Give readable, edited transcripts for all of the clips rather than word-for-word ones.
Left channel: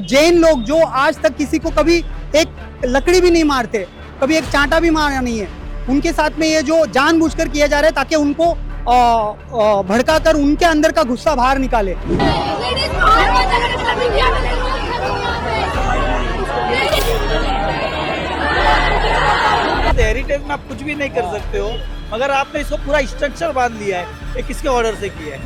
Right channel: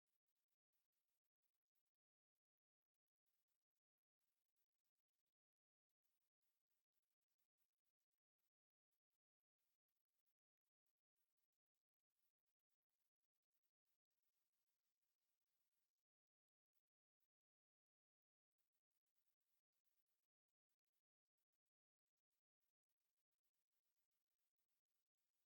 जैन लोग जो आज तक किसी को कभी एक लकड़ी भी नहीं मारते, कभी एक चांटा भी मारा नहीं है, उनके साथ में ये जो जानबूझकर किया जा रहा है ताकि उनको भड़का कर उनके अंदर का गुस्सा बाहर निकाले। हेरिटेज में आप कुछ भी नहीं कर सकते हो, मगर आपने इसको पूरा स्ट्रक्चर बांध लिया है, ये किसके ऑर्डर से किया है?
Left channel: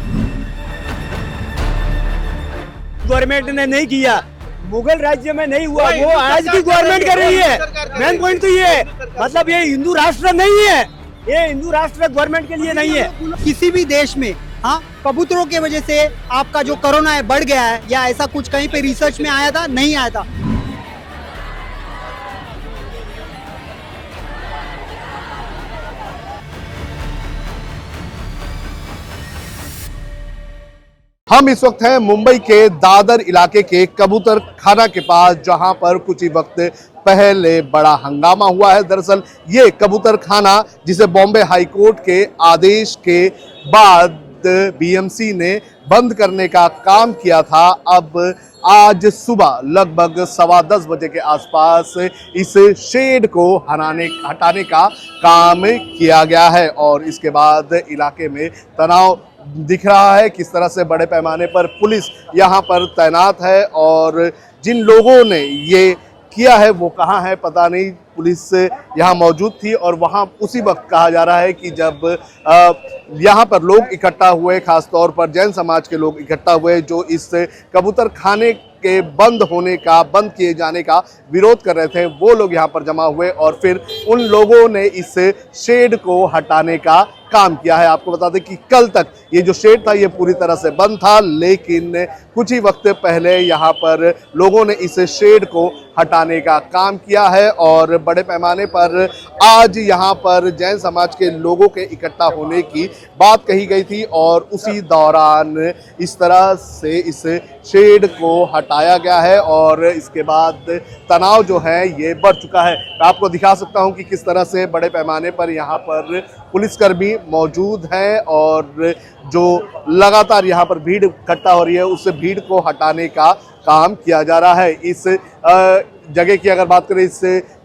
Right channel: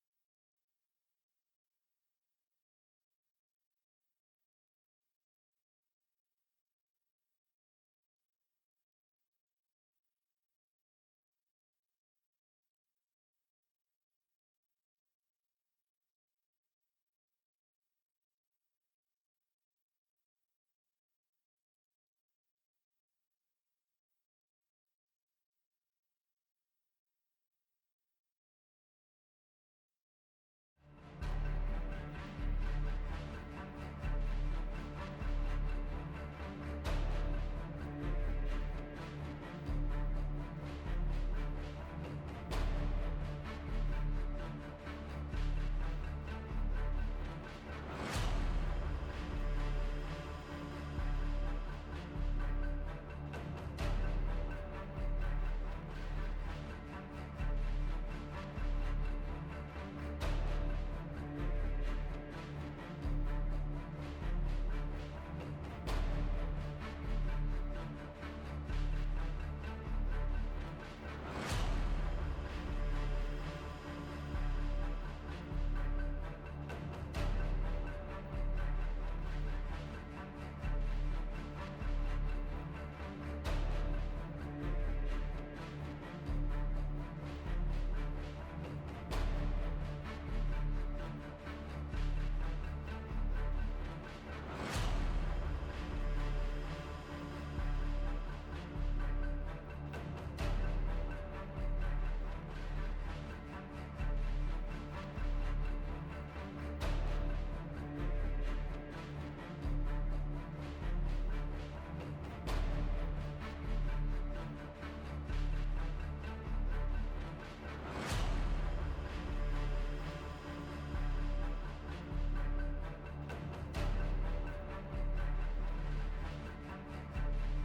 गवर्नमेंट ने नहीं किया, मुगल राज्य में नहीं हुआ, वो आज की गवर्नमेंट कर रही है। मेन पॉइंट तो ये है, मतलब ये हिंदू राष्ट्र नहीं है, ये हिंदू राष्ट्र गवर्नमेंट के लिए नहीं है। किसी भी देश में हाँ कबूतरों की वजह से आपका जो कोरोना है बढ़ गया है या ऐसा कुछ कहीं पे रिसर्च में आया था? नहीं आया था। हम इस वक्त हैं मुंबई के दादर इलाके के कबूतर खाना के पास, जहां पर कुछ ही वक्त पहले बड़ा हंगामा हुआ है। दरअसल ये कबूतर खाना जिसे बॉम्बे हाई कोर्ट के आदेश के बाद बीएमसी ने बंद करने का काम किया था, अब आज सुबह लगभग 10:15 बजे के आसपास इस शेड को हटाने का काम किया गया है और इसके बाद इलाके में तनाव दिख रहा है। किस तरह से बड़े पैमाने पर पुलिस यहाँ पर तैनात है और जिन लोगों ने ये किया है वो कहाँ है पता नहीं। पुलिस यहाँ मौजूद थी और वहाँ उसी वक्त कहा जा रहा है कि जब यहाँ पर लोग इकट्ठा हुए, खास तौर पर जैन समाज के लोग इकट्ठा हुए जो इस कबूतर खाने के बंद किए जाने का विरोध कर रहे थे, वो लोग यहाँ पर जमा हुए और फिर उन लोगों ने इस शेड को हटाने का काम किया है। आपको बता दें कि कल तक ये जो शेड था ये पूरी तरह से बंद था, लेकिन कुछ ही वक्त पहले यहाँ पर लोगों ने इस शेड को हटाने का काम किया है और बड़े पैमाने पर आज यहाँ पर जैन समाज के लोगों के इकट्ठा होने की बात कही गई थी और उसी दौरान इस तरह से इस शेड को हटाया गया है और इसके बाद तनाव जो है ये बढ़ चुका है। मैं आपको दिखा सकता हूँ कि किस तरह से बड़े पैमाने पर यहाँ पर पुलिसकर्मी मौजूद हैं और जो लगातार यहाँ पर भीड़ इकट्ठा हो रही है उस भीड़ को हटाने का काम किया जा रहा है। इस जगह की अगर बात करें, इस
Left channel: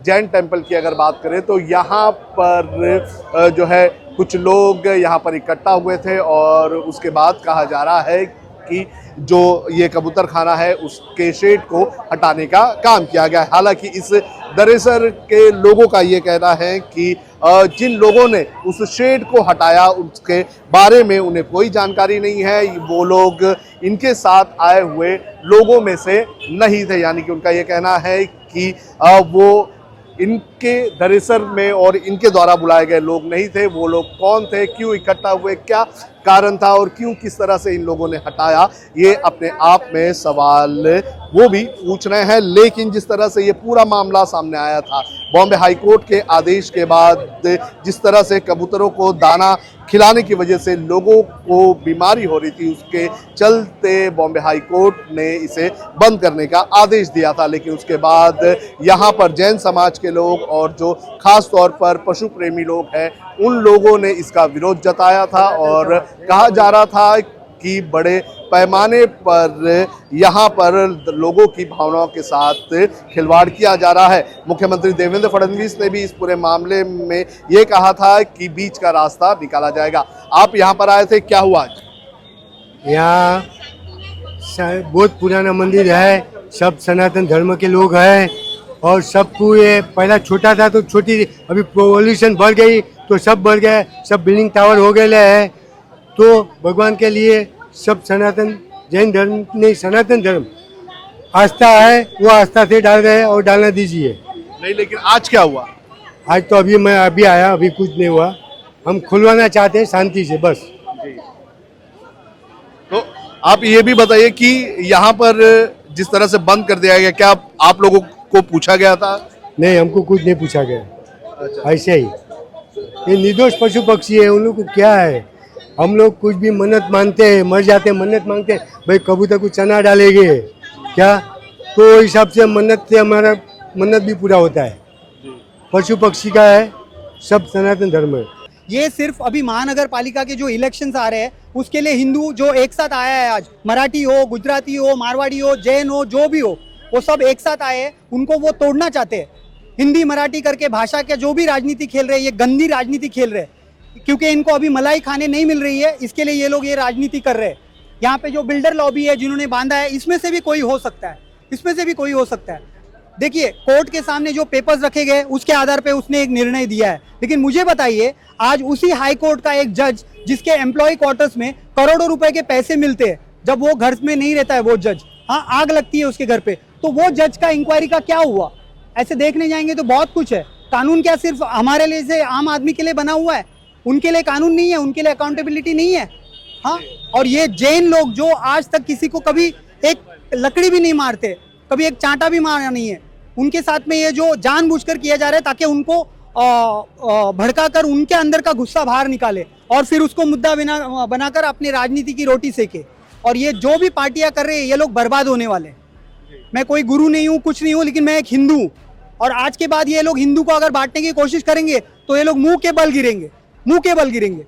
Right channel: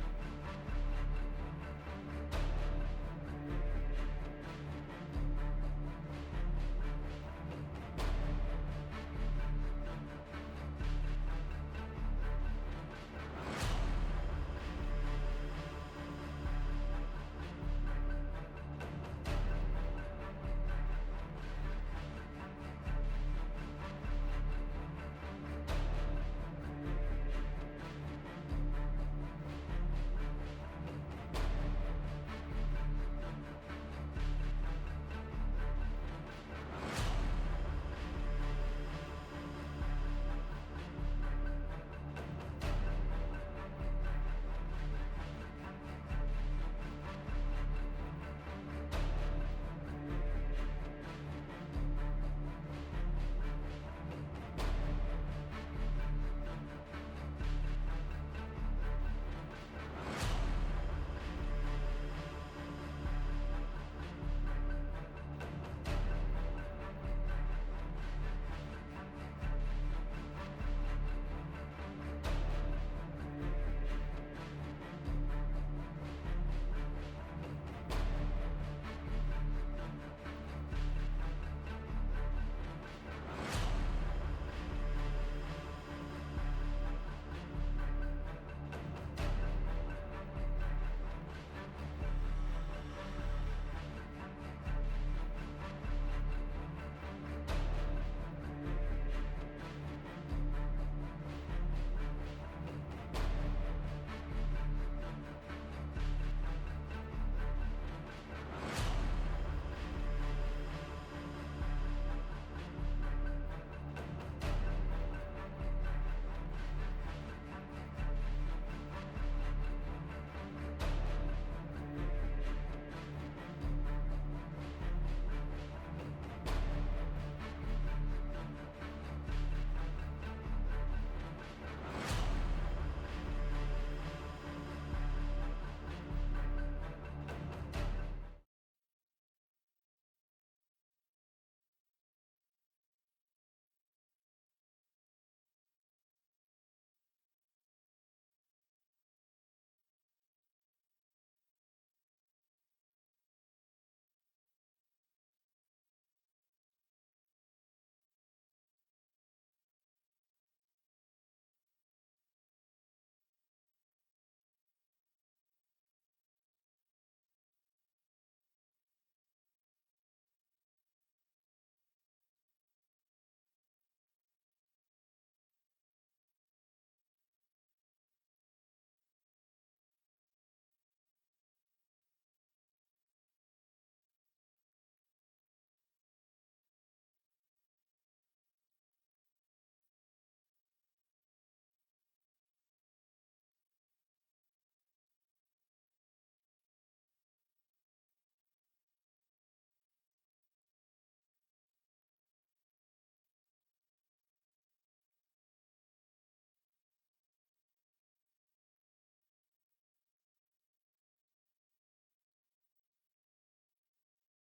जैन टेम्पल की अगर बात करें तो यहाँ पर जो है कुछ लोग यहाँ पर इकट्ठा हुए थे और उसके बाद कहा जा रहा है कि जो ये कबूतर खाना है उसके शेड को हटाने का काम किया गया है। हालांकि इस दरअसल के लोगों का ये कहना है कि जिन लोगों ने उस शेड को हटाया उसके बारे में उन्हें कोई जानकारी नहीं है, वो लोग इनके साथ आए हुए लोगों में से नहीं थे। यानी कि उनका ये कहना है कि वो इनके दरअसल में और इनके द्वारा बुलाए गए लोग नहीं थे। वो लोग कौन थे, क्यों इकट्ठा हुए, क्या कारण था और क्यों किस तरह से इन लोगों ने हटाया, ये अपने आप में सवाल वो भी पूछ रहे हैं। लेकिन जिस तरह से ये पूरा मामला सामने आया था बॉम्बे हाई कोर्ट के आदेश के बाद, जिस तरह से कबूतरों को दाना खिलाने की वजह से लोगों को बीमारी हो रही थी, उसके चलते बॉम्बे हाई कोर्ट ने इसे बंद करने का आदेश दिया था। लेकिन उसके बाद यहाँ पर जैन समाज के लोग और जो खास तौर पर पशु प्रेमी लोग हैं उन लोगों ने इसका विरोध जताया था और कहा जा रहा था कि बड़े पैमाने पर यहाँ पर लोगों की भावनाओं के साथ खिलवाड़ किया जा रहा है। मुख्यमंत्री देवेंद्र फडणवीस ने भी इस पूरे मामले में ये कहा था कि बीच का रास्ता निकाला जाएगा। आप यहाँ पर आए थे, क्या हुआ आज? यहाँ बहुत पुराना मंदिर है, सब सनातन धर्म के लोग हैं और सबको ये पहला छोटा था तो छोटी, अभी पॉल्यूशन बढ़ गई तो सब बढ़ गए, सब बिल्डिंग टावर हो गए हैं। तो भगवान के लिए सब सनातन जैन धर्म नहीं, सनातन धर्म आस्था है, वो आस्था से डाल रहे हैं और डालना दीजिए। नहीं, लेकिन आज क्या हुआ? आज तो मैं अभी आया, अभी कुछ नहीं हुआ। हम खुलवाना चाहते हैं शांति से बस। तो आप ये भी बताइए कि यहाँ पर जिस तरह से बंद कर दिया गया, क्या आप लोगों को पूछा गया था? नहीं, हमको कुछ नहीं पूछा गया। अच्छा। ऐसे ही ये निर्दोष पशु पक्षी है, उन लोग को क्या है। हम लोग कुछ भी मन्नत मानते हैं, मर जाते हैं, मन्नत मांगते हैं, भाई कबूतर को चना डालेंगे क्या, तो हिसाब से मन्नत से हमारा मन्नत भी पूरा होता है। पशु पक्षी का है, सब सनातन धर्म है। ये सिर्फ अभी महानगर पालिका के जो इलेक्शंस आ रहे हैं उसके लिए हिंदू जो एक साथ आया है आज, मराठी हो, गुजराती हो, मारवाड़ी हो, जैन हो, जो भी हो, वो सब एक साथ आए हैं, उनको वो तोड़ना चाहते हैं। हिंदी मराठी करके भाषा के जो भी राजनीति खेल रहे हैं, ये गंदी राजनीति खेल रहे हैं, क्योंकि इनको अभी मलाई खाने नहीं मिल रही है, इसके लिए ये लोग ये राजनीति कर रहे हैं। यहाँ पे जो बिल्डर लॉबी है जिन्होंने बांधा है, इसमें से भी कोई हो सकता है, इसमें से भी कोई हो सकता है। देखिए, कोर्ट के सामने जो पेपर्स रखे गए उसके आधार पे उसने एक निर्णय दिया है, लेकिन मुझे बताइए, आज उसी हाई कोर्ट का एक जज जिसके एम्प्लॉय क्वार्टर्स में करोड़ों रुपए के पैसे मिलते हैं, जब वो घर में नहीं रहता है वो जज, हाँ, आग लगती है उसके घर पे, तो वो जज का इंक्वायरी का क्या हुआ? ऐसे देखने जाएंगे तो बहुत कुछ है। कानून क्या सिर्फ हमारे लिए से आम आदमी के लिए बना हुआ है? उनके लिए कानून नहीं है, उनके लिए अकाउंटेबिलिटी नहीं है। हाँ, और ये जैन लोग जो आज तक किसी को कभी एक लकड़ी भी नहीं मारते, कभी एक चांटा भी मारा नहीं है, उनके साथ में ये जो जानबूझकर किया जा रहा है ताकि उनको भड़काकर उनके अंदर का गुस्सा बाहर निकाले और फिर उसको मुद्दा बनाकर अपनी राजनीति की रोटी सेके। और ये जो भी पार्टियां कर रहे हैं, ये लोग बर्बाद होने वाले हैं। मैं कोई गुरु नहीं हूँ, कुछ नहीं हूँ, लेकिन मैं एक हिंदू हूँ, और आज के बाद ये लोग हिंदू को अगर बांटने की कोशिश करेंगे तो ये लोग मुंह के बल गिरेंगे, मुंह के बल गिरेंगे।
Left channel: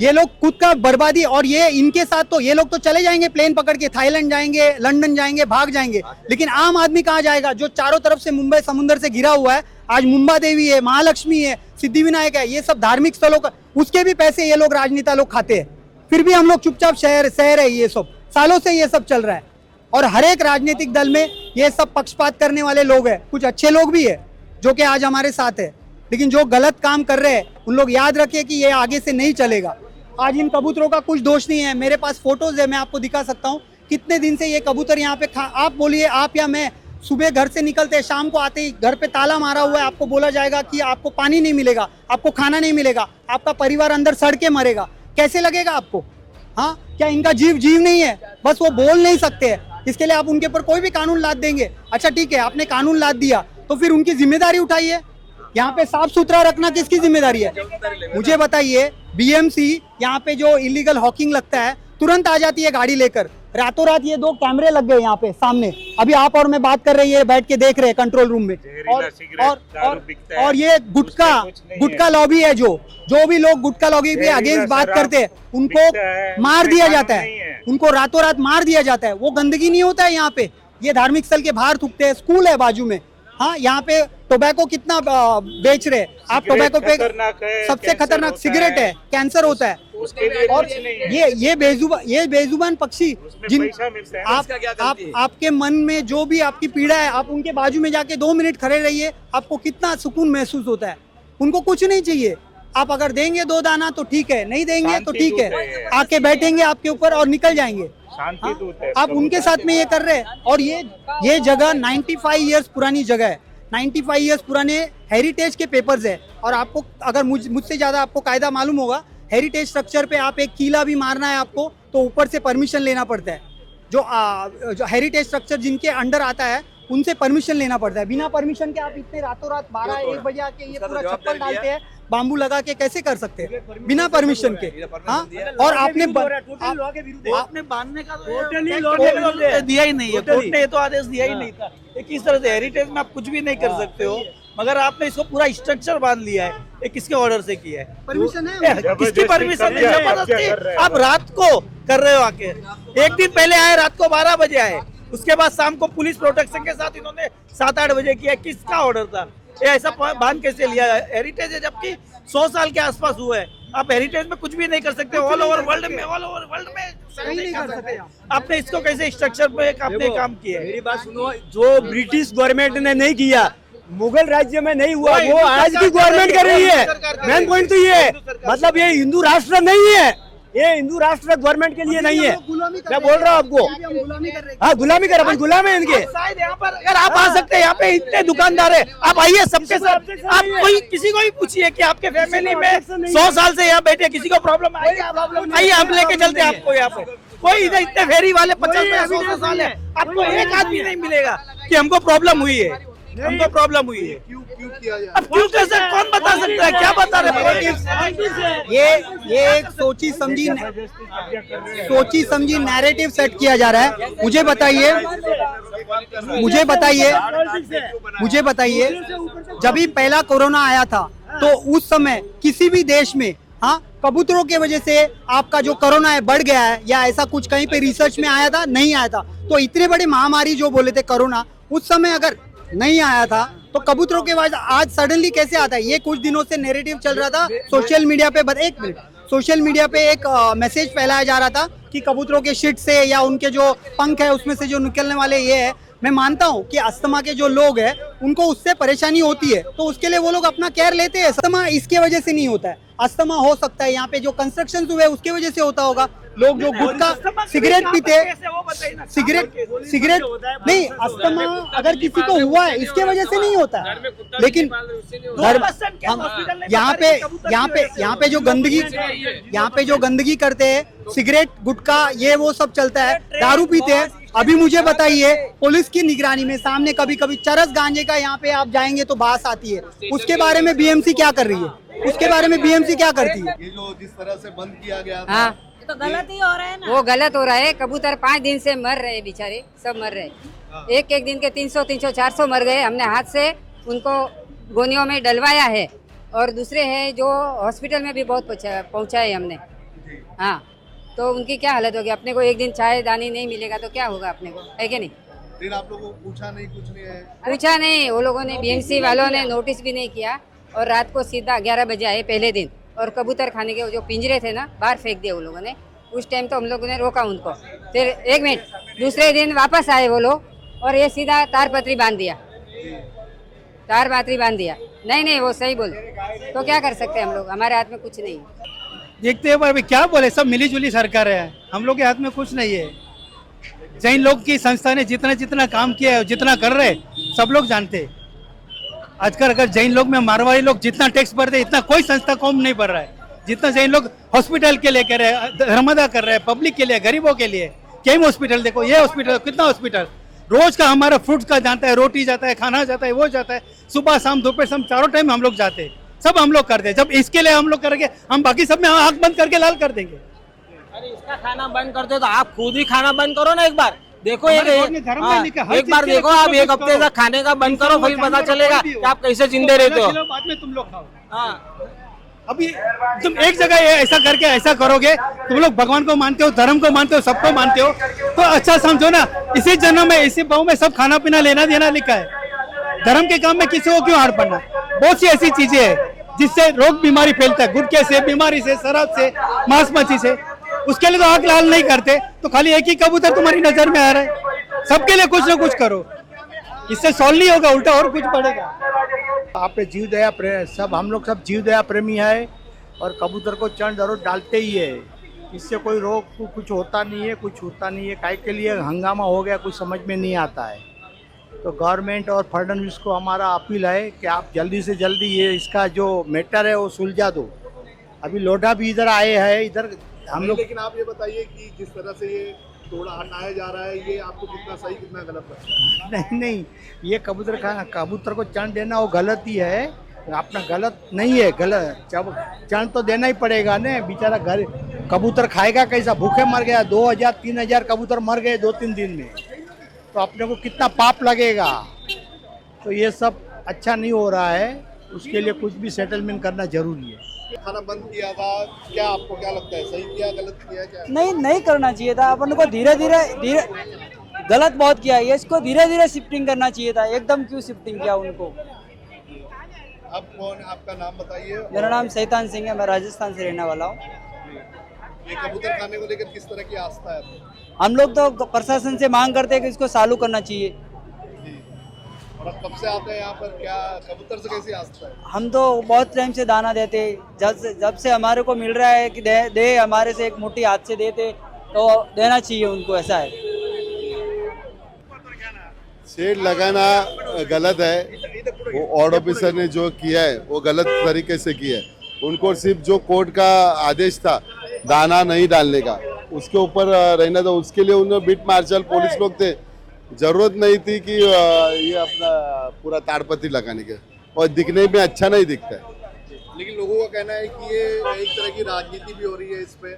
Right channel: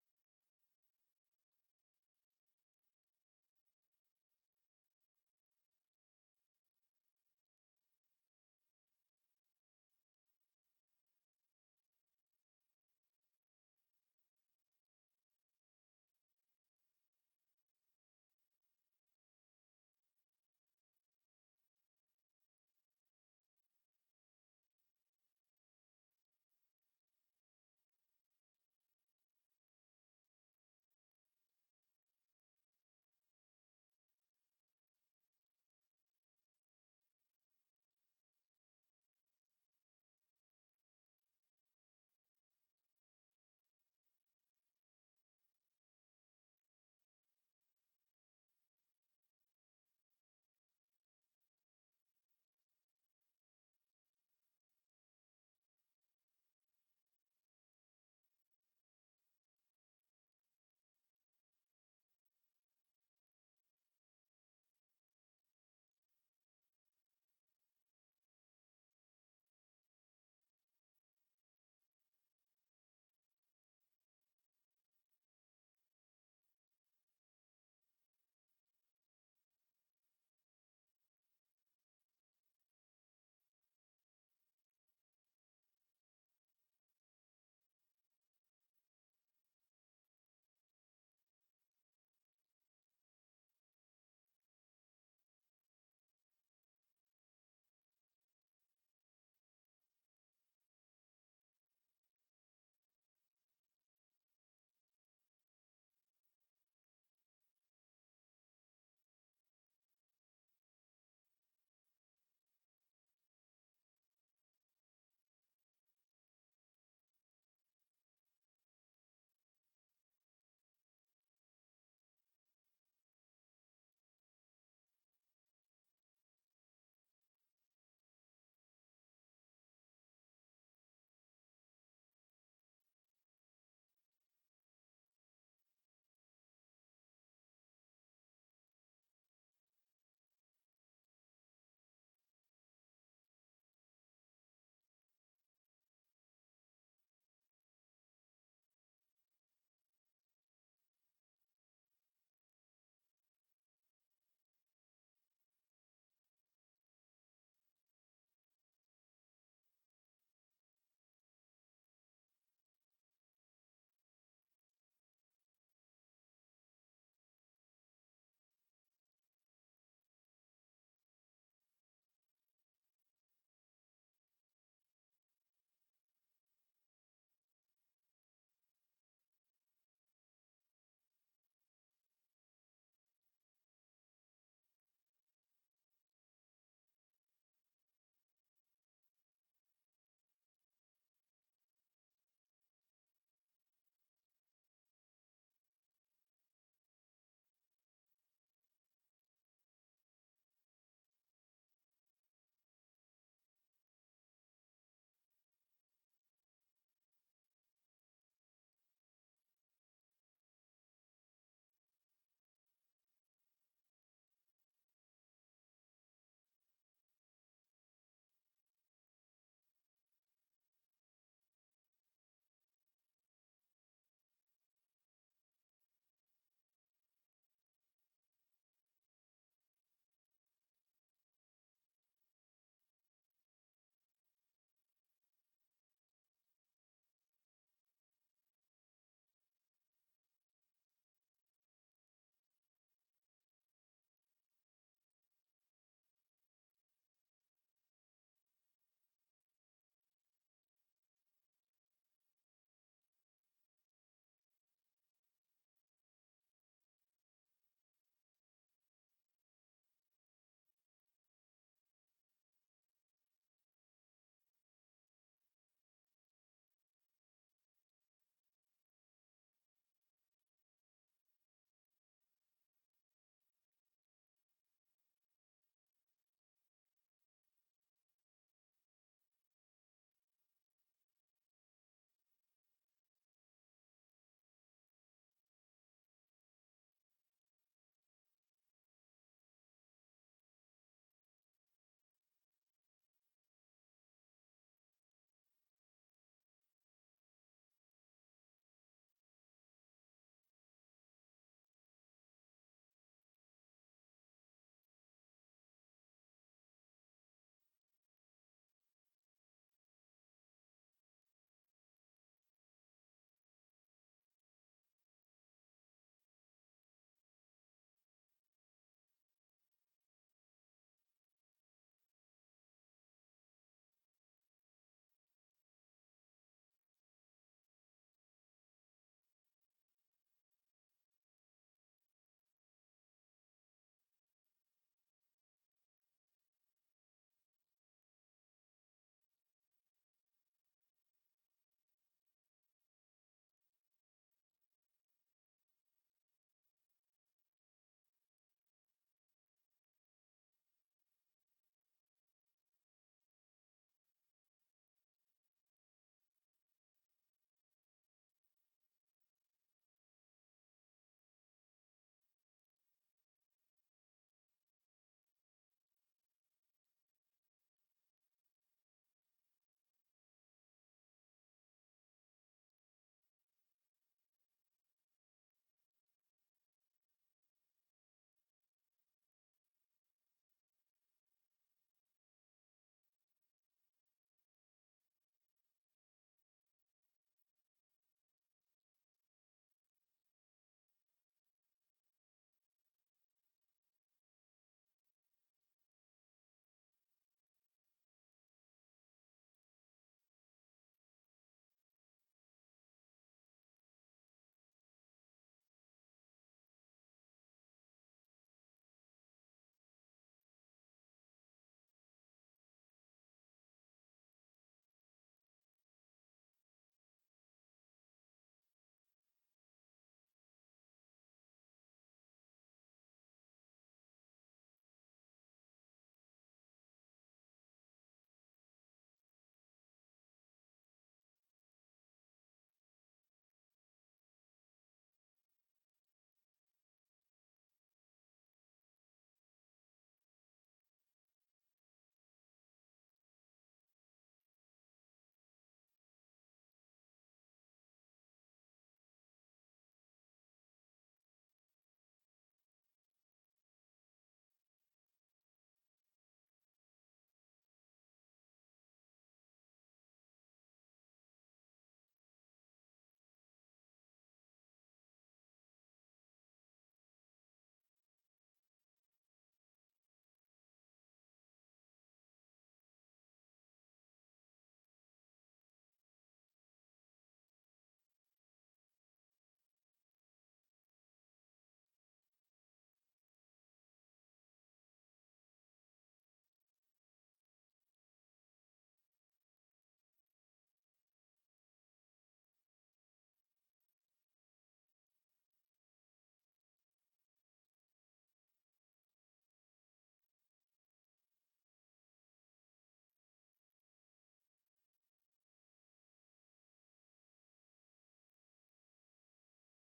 ये लोग खुद का बर्बादी, और ये इनके साथ तो ये लोग तो चले जाएंगे प्लेन पकड़ के, थाईलैंड जाएंगे, लंदन जाएंगे, भाग जाएंगे, लेकिन आम आदमी कहाँ जाएगा? जो चारों तरफ से मुंबई समुद्र से घिरा हुआ है, आज मुंबा देवी है, महालक्ष्मी है, सिद्धिविनायक है, ये सब धार्मिक स्थलों का, उसके भी पैसे ये लोग राजनेता लोग खाते हैं। फिर भी हम लोग चुपचाप शहर है, ये सब सालों से ये सब चल रहा है। और हर एक राजनीतिक दल में ये सब पक्षपात करने वाले लोग हैं, कुछ अच्छे लोग भी है जो कि आज हमारे साथ है, लेकिन जो गलत काम कर रहे हैं उन लोग याद रखिए कि ये आगे से नहीं चलेगा। आज इन कबूतरों का कुछ दोष नहीं है, मेरे पास फोटोज है, मैं आपको दिखा सकता हूँ कितने दिन से ये कबूतर यहाँ पे आप बोलिए, आप या मैं, सुबह घर से निकलते हैं, शाम को आते ही घर पे ताला मारा हुआ है, आपको बोला जाएगा कि आपको पानी नहीं मिलेगा, आपको खाना नहीं मिलेगा, आपका परिवार अंदर सड़ के मरेगा। कैसे लगेगा आपको? हाँ, क्या इनका जीव नहीं है? बस वो बोल नहीं सकते हैं, इसके लिए आप उनके ऊपर कोई भी कानून लाद देंगे। अच्छा ठीक है, आपने कानून लाद दिया तो फिर उनकी जिम्मेदारी उठाइए। यहाँ पे साफ सुथरा रखना किसकी जिम्मेदारी है? मुझे बताइए, बीएमसी यहाँ पे जो इलीगल हॉकिंग लगता है तुरंत आ जाती है गाड़ी लेकर, रातों रात ये 2 कैमरे लग गए यहाँ पे सामने, अभी आप और मैं बात कर रही है, बैठ के देख रहे हैं कंट्रोल रूम में। और ये गुटका लॉबी है, जो भी लोग गुटका लॉबी पे अगेंस्ट बात करते हैं उनको मार दिया जाता है, उनको रातों रात मार दिया जाता है। वो गंदगी नहीं होता है यहाँ पे, ये धार्मिक स्थल के बाहर थूकते हैं, स्कूल है बाजू में। हाँ, यहाँ पे टोबैको कितना बेच रहे हैं आप? टोबैको पे सबसे खतरनाक सिगरेट है, कैंसर होता है। और ये बेजुबान पक्षी जिन आपके मन में जो भी आपकी पीड़ा है, आप उनके बाजू में जाके 2 मिनट खड़े रहिए, आपको कितना सुकून महसूस होता है। उनको कुछ नहीं चाहिए, आप अगर देंगे 2 दाना तो ठीक है, नहीं देंगे तो ठीक है, आके बैठेंगे आपके ऊपर और निकल जाएंगे। आप उनके साथ में ये कर रहे हैं। और ये जगह 95 इयर्स पुरानी जगह है, 95 इयर्स पुराने हेरिटेज के पेपर्स है। और आपको अगर मुझसे ज्यादा आपको कायदा मालूम होगा, हेरिटेज स्ट्रक्चर पे आप एक कीला भी मारना है आपको तो ऊपर से परमिशन लेना पड़ता है। जो हेरिटेज स्ट्रक्चर जिनके अंडर आता है उनसे परमिशन लेना पड़ता है। बिना परमिशन के आप इतने रातों रात 12-1 बजे आके ये पूरा छप्पर डालते हैं, बाम्बू लगा के कैसे कर सकते हैं बिना परमिशन के? हाँ, और आपने बांधने का तो दिया ही नहीं है, कोर्ट ने ये तो आदेश दिया ही नहीं था। ये किस तरह से हेरिटेज में आप कुछ भी नहीं कर सकते हो, मगर आपने इसको पूरा स्ट्रक्चर बांध लिया है। ये किसके ऑर्डर से किया है? परमिशन है? किसकी परमिशन है? जबरदस्ती आप रात को कर रहे हो आके। एक दिन पहले आए, रात को 12 बजे आए, उसके बाद शाम को पुलिस प्रोटेक्शन के साथ इन्होंने 7-8 बजे किया। किसका ऑर्डर था? ये ऐसा बांध कैसे लिया? हेरिटेज है, जबकि 100 साल के आसपास हुआ है। आप हेरिटेज में कुछ भी नहीं कर सकते, ऑल ओवर वर्ल्ड में नहीं कर सकते। आपने इसको कैसे स्ट्रक्चर पे आपने काम किया है? मेरी बात सुनो, जो ब्रिटिश गवर्नमेंट ने नहीं किया, मुगल राज्य में नहीं हुआ, वो आज की गवर्नमेंट कर रही है। मेन पॉइंट तो ये, मतलब ये हिंदू राष्ट्र नहीं है, ये हिंदू राष्ट्र गवर्नमेंट के लिए नहीं है। मैं बोल रहा हूँ आपको, हाँ, गुलामी कर, अपन गुलाम है इनके। शायद यहाँ पर अगर आप आ सकते हैं, यहाँ पे इतने दुकानदार है, आप आइए सबके साथ। आप कोई किसी को भी पूछिए कि आपके फैमिली में 100 साल से यहाँ बैठे, किसी को प्रॉब्लम आइए, हम लेके चलते हैं आपको। यहाँ पे कोई इधर इतने फेरी वाले 50-100 साल है, आपको एक आदमी नहीं मिलेगा कि हमको प्रॉब्लम हुई है, हमको प्रॉब्लम हुई है। अब क्यों कैसे, कौन बता सकता है? क्या बता रहे? ये एक सोची समझी नैरेटिव सेट किया जा रहा है। मुझे बताइए, जब भी पहला कोरोना आया था तो उस समय किसी भी देश में, हाँ, कबूतरों की वजह से आपका जो कोरोना है बढ़ गया है या ऐसा कुछ कहीं पे रिसर्च में आया था? नहीं आया था। तो इतने बड़ी महामारी जो बोले थे कोरोना, उस समय अगर नहीं आया था तो कबूतरों के बाद आज सडनली कैसे आता है? ये कुछ दिनों से नैरेटिव चल रहा था सोशल मीडिया पे। एक मिनट, सोशल मीडिया पे एक मैसेज फैलाया जा रहा था कि कबूतरों के शिट से या उनके जो पंख है उसमें से जो निकलने वाले ये है। मैं मानता हूँ कि अस्थमा के जो लोग हैं उनको उससे परेशानी होती है, तो उसके लिए वो लोग अपना केयर लेते हैं। अस्थमा इसके वजह से नहीं होता है, अस्थमा हो सकता है यहाँ पे जो कंस्ट्रक्शन हुए उसके वजह से होता होगा। लोग जो गुटखा सिगरेट पीते, सिगरेट नहीं, अस्थमा अगर किसी को हुआ है इसके वजह से नहीं होता है। लेकिन यहाँ पे जो गंदगी करते हैं, सिगरेट गुटखा ये वो सब चलता है, दारू पीते हैं। अभी मुझे बताइए, पुलिस की निगरानी में सामने कभी कभी चरस गांजे का यहाँ पे आप जाएंगे तो बास आती है, उसके बारे में बीएमसी क्या कर रही है? उसके बारे में बीएमसी क्या करती है? ये जो जिस तरह से बंद किया गया था, हाँ, तो गलत ही हो रहा है ना। वो गलत हो रहा है। कबूतर 5 दिन से मर रहे बेचारे, सब मर रहे। एक एक दिन के 300 400 मर गए। हमने हाथ से उनको गोनियों में डलवाया है, और दूसरे हैं जो हॉस्पिटल में भी बहुत पहुंचाए हमने। हाँ, तो उनकी क्या हालत होगी? अपने को एक दिन चाय दानी नहीं मिलेगा तो क्या होगा अपने को, है कि नहीं? फिर आप लोगों को पूछा नहीं, कुछ नहीं है? पूछा नहीं, वो लोगों ने, बीएमसी वालों ने नोटिस भी नहीं किया, और रात को सीधा 11 बजे आए पहले दिन, और कबूतर खाने के जो पिंजरे थे ना बाहर फेंक दिए वो लोगों ने। उस टाइम तो हम लोगों ने रोका उनको। फिर 1 मिनट, दूसरे दिन वापस आए वो लोग, और ये सीधा तारपत्री बांध दिया, तारपत्री बांध दिया। नहीं, वो सही बोले तो क्या कर सकते हैं हम लोग? हमारे हाथ में कुछ नहीं है। देखते हैं पर क्या बोले, सब मिली जुली सरकार है, हम लोग के हाथ में कुछ नहीं है। जैन लोग की संस्था ने जितना काम किया है, जितना कर रहे, सब लोग जानते हैं। आजकल अगर जैन लोग में मारवाड़ी लोग जितना टैक्स भरते इतना कोई संस्था कम नहीं भर रहा है, जितना जैन लोग हॉस्पिटल के लिए कर रहे हैं, धर्मदा कर रहे हैं, पब्लिक के लिए, गरीबों के लिए। कई हॉस्पिटल देखो, ये हॉस्पिटल, कितना हॉस्पिटल रोज का हमारा फ्रूट्स का जाता है, रोटी जाता है, खाना जाता है, वो जाता है, सुबह शाम दोपहर शाम चारों टाइम हम लोग जाते हैं, सब हम लोग करते हैं। जब इसके लिए हम लोग करेंगे, हम बाकी सब में आंख बंद करके लाल कर देंगे। अरे इसका खाना बंद करते हो तो आप खुद ही खाना बंद करो ना। एक बार देखो, एक बार देखो, आप एक हफ्ते तक खाने का बंद करो, फिर पता चलेगा कि आप कैसे जिंदे रहते हो। बाद में तुम लोग खाओ। हाँ, अभी तुम एक जगह ऐसा करके ऐसा करोगे, तुम लोग भगवान को मानते हो, धर्म को मानते हो, सबको मानते हो, तो अच्छा समझो ना, इसी जन्म में इसी भाव में सब खाना पीना लेना देना लिखा है। धर्म के काम में किसी को क्यों हार पड़ना? बहुत सी ऐसी चीजें हैं जिससे रोग बीमारी फैलता है, गुटखे से, बीमारी से, शराब से, मांस मच्छी से। उसके लिए तो आंख लाल नहीं करते, तो खाली एक ही कबूतर तुम्हारी नजर में आ रहा है। सबके लिए कुछ ना कुछ करो, इससे सॉल्व नहीं होगा, उल्टा और कुछ बढ़ेगा। आप पे जीव दया सब, हम लोग सब जीव दया प्रेमी है, और कबूतर को चरण जरूर डालते ही है। इससे कोई रोग कुछ होता नहीं है, कुछ होता नहीं है। काय के लिए हंगामा हो गया कुछ समझ में नहीं आता है। तो गवर्नमेंट और फडणवीस को हमारा अपील है कि आप जल्दी से जल्दी ये इसका जो मैटर है वो सुलझा दो। अभी लोढ़ा भी इधर आए हैं, इधर हम लोग। लेकिन आप ये बताइए कि जिस तरह से ये तोड़ा हटाया जा रहा है, ये आपको कितना सही कितना गलत लगता है? नहीं, ये कबूतर को चरण देना वो गलत ही है, अपना गलत नहीं है। गलत जब चरण तो देना ही पड़ेगा ना, बेचारा घर कबूतर खाएगा कैसा? भूखे मर गया, 2000 3000 कबूतर मर गए 2-3 दिन में, तो अपने को कितना पाप लगेगा। तो ये सब अच्छा नहीं हो रहा है, उसके लिए कुछ भी सेटलमेंट करना जरूरी है। खाना बंद किया था, क्या आपको क्या लगता है, सही किया गलत किया क्या? नहीं करना चाहिए था। अपन को धीरे धीरे गलत बहुत किया है, इसको धीरे धीरे शिफ्टिंग करना चाहिए था। एकदम क्यों शिफ्टिंग किया उनको? अब कौन, आपका नाम बताइए। मेरा नाम शैतान सिंह है, मैं राजस्थान से रहने वाला हूँ। ये कबूतर खाने को लेकर किस तरह की आस्था है? हम लोग तो प्रशासन से मांग करते हैं कि इसको चालू करना चाहिए। और अब कब से आते हैं यहाँ पर, क्या कबूतर से कैसी आस्था है? हम तो बहुत टाइम से दाना देते, जब से हमारे को मिल रहा है कि दे हमारे से एक मोटी हाथ से देते, तो देना चाहिए उनको, ऐसा है। शेड लगाना गलत है, वो वार्ड ऑफिसर ने जो किया है वो गलत तरीके से किया है। उनको सिर्फ जो कोर्ट का आदेश था दाना नहीं डालने का, उसके ऊपर रहना था, उसके लिए उन्होंने बीट मार्शल पुलिस लोग थे, जरूरत नहीं थी कि ये अपना पूरा ताड़पत्री लगाने के, और दिखने में अच्छा नहीं दिखता है। लेकिन लोगों का कहना है कि ये एक तरह की राजनीति भी हो रही है इस पे।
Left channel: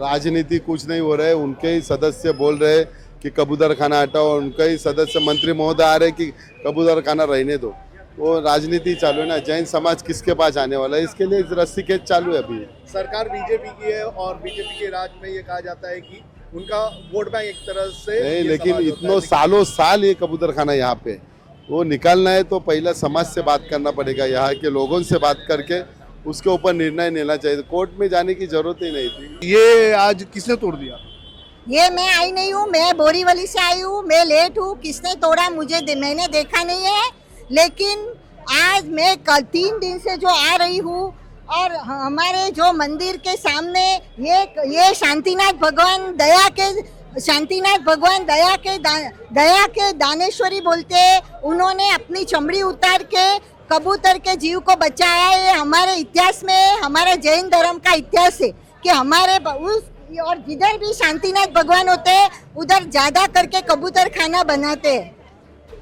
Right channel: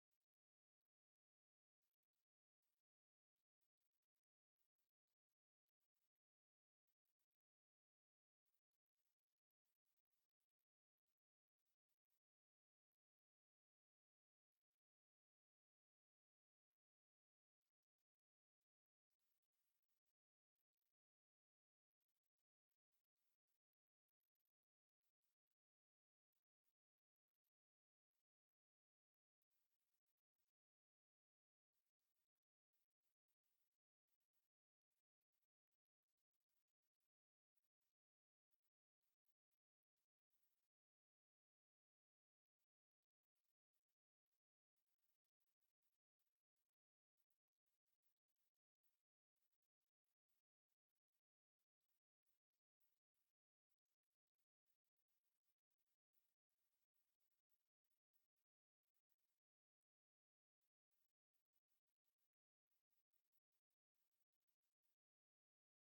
राजनीति कुछ नहीं हो रहा है, उनके ही सदस्य बोल रहे हैं कि कबूतर खाना हटाओ, उनके ही सदस्य मंत्री महोदय आ रहे कि कबूतर खाना रहने दो। वो राजनीति चालू है ना, जैन समाज किसके पास आने वाला है, इसके लिए रस्सी खेच चालू है अभी। सरकार बीजेपी की है, और बीजेपी के राज में ये कहा जाता है कि उनका वोट बैंक एक तरह से नहीं, ये लेकिन समाज होता इतनों है। सालों साल ये कबूतर खाना यहाँ पे, वो निकालना है तो पहले समाज से बात करना पड़ेगा, यहाँ के लोगों से बात करके उसके ऊपर निर्णय लेना चाहिए। कोर्ट में जाने की जरूरत ही नहीं थी। ये आज किसने तोड़ दिया? ये मैं आई नहीं हूँ, मैं बोरीवली से आई हूँ, मैं लेट हूँ। किसने तोड़ा मैंने देखा नहीं है, लेकिन आज मैं कल 3 दिन से जो आ रही हूँ और हमारे जो मंदिर के सामने ये शांतिनाथ भगवान दया के दानेश्वरी बोलते हैं, उन्होंने अपनी चमड़ी उतार के कबूतर के जीव को बचाया है। हमारे इतिहास में, हमारे जैन धर्म का इतिहास है कि हमारे उस और जिधर भी शांतिनाथ भगवान होते हैं उधर ज्यादा करके कबूतर खाना बनाते हैं।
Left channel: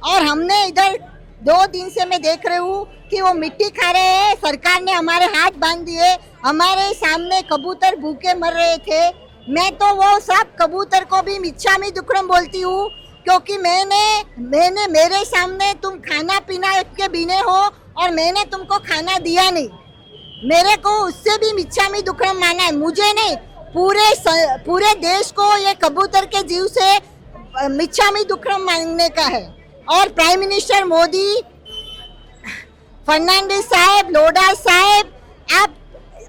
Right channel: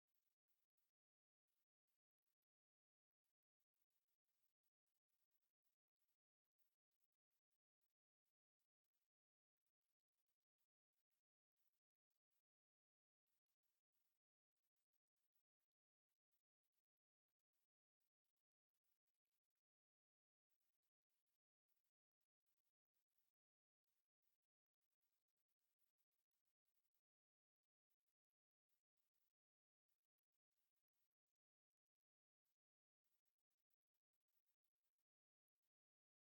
और हमने इधर 2 दिन से मैं देख रही हूँ कि वो मिट्टी खा रहे हैं। सरकार ने हमारे हाथ बांध दिए, हमारे सामने कबूतर भूखे मर रहे थे। मैं तो वो सब कबूतर को भी मिच्छामी दुक्कड़म बोलती हूँ, क्योंकि मैंने मेरे सामने तुम खाना पीना के बिने हो और मैंने तुमको खाना दिया नहीं, मेरे को उससे भी मिच्छामी दुक्कड़म माना है। मुझे नहीं, पूरे देश को ये कबूतर के जीव से मिच्छामी दुक्कड़म मांगने का है। और प्राइम मिनिस्टर मोदी, फर्नांडिस साहब, लोढ़ा साहब,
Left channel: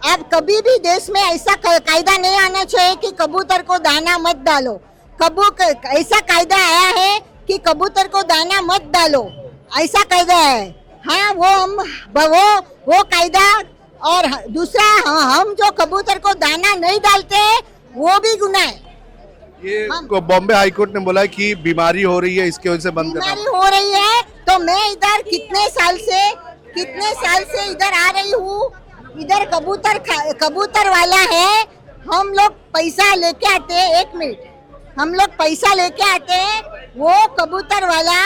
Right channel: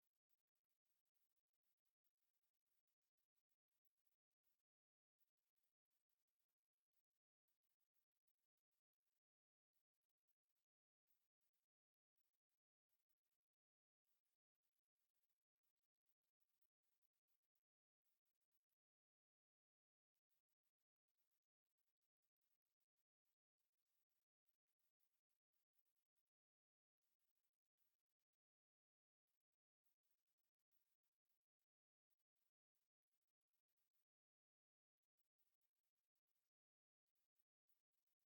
आप कभी भी देश में ऐसा कायदा नहीं आना चाहिए कि कबूतर को दाना मत डालो। ऐसा कायदा आया है कि कबूतर को दाना मत डालो, ऐसा कायदा है। हाँ, वो कायदा। और दूसरा, हम जो कबूतर को दाना नहीं डालते वो भी गुनाह है। ये बॉम्बे हाई कोर्ट ने बोला कि बीमारी हो रही है, इसकी वजह से बंद करना। बीमारी हो रही है तो मैं इधर कितने साल से इधर आ रही हूँ। इधर कबूतर वाला है, हम लोग पैसा लेके आते हैं। 1 मिनट, हम लोग पैसा लेके आते हैं, वो कबूतर वाला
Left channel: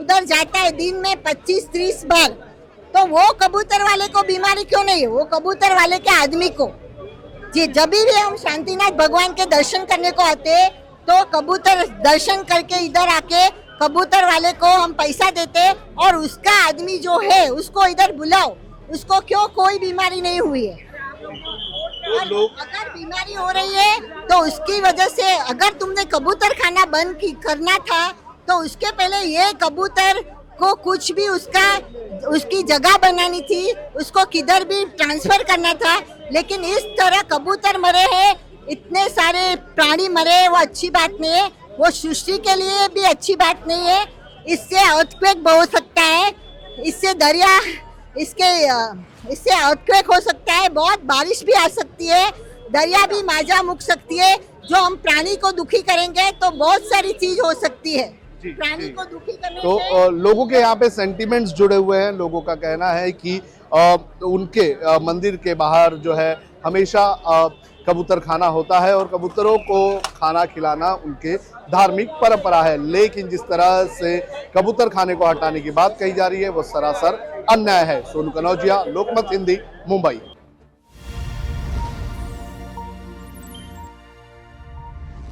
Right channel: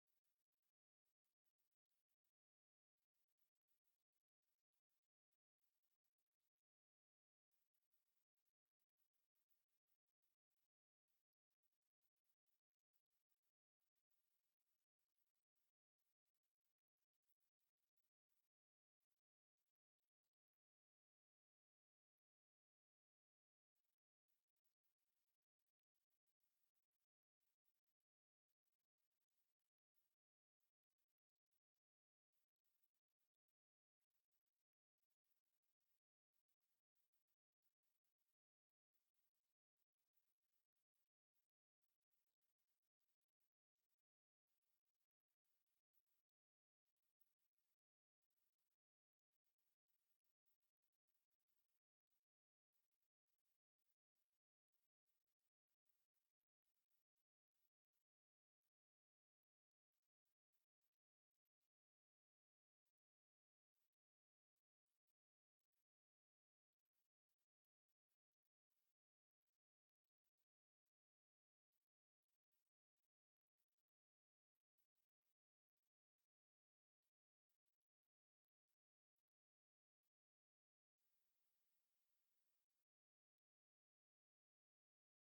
उधर जाता है दिन में 25-30 बार। तो वो कबूतर वाले को बीमारी क्यों नहीं है? वो कबूतर वाले के आदमी को जी, जब भी हम शांतिनाथ भगवान के दर्शन करने को आते हैं तो कबूतर दर्शन करके इधर आके कबूतर वाले को हम पैसा देते हैं और उसका आदमी जो है उसको इधर बुलाओ, उसको क्यों कोई बीमारी नहीं हुई है। अगर बीमारी हो रही है तो उसकी वजह से, अगर तुमने कबूतर खाना बंद करना था तो उसके पहले ये कबूतर को कुछ भी उसकी जगह बनानी थी, उसको किधर भी ट्रांसफर करना था। लेकिन इस तरह कबूतर मरे हैं, इतने सारे प्राणी मरे, वो अच्छी बात नहीं है, वो सृष्टि के लिए भी अच्छी बात नहीं है। इससे अर्थक्वेक हो सकता है, इससे अर्थक्वेक हो सकता है, बहुत बारिश भी आ सकती है, दरिया भी माजा मुक सकती है। जो हम प्राणी को दुखी करेंगे तो बहुत सारी चीज हो सकती है। प्राणी को दुखी करने तो लोगों के यहाँ पे सेंटिमेंट्स जुड़े हुए हैं। लोगों का कहना है कि उनके मंदिर के बाहर जो है हमेशा कबूतर खाना होता है और कबूतरों को खाना खिलाना उनके धार्मिक परंपरा है। लेकिन जिस तरह से कबूतर खाने को हटाने की बात कही जा रही है वो सरासर अन्याय है। सोनू कनौजिया, लोकमत हिंदी, मुंबई।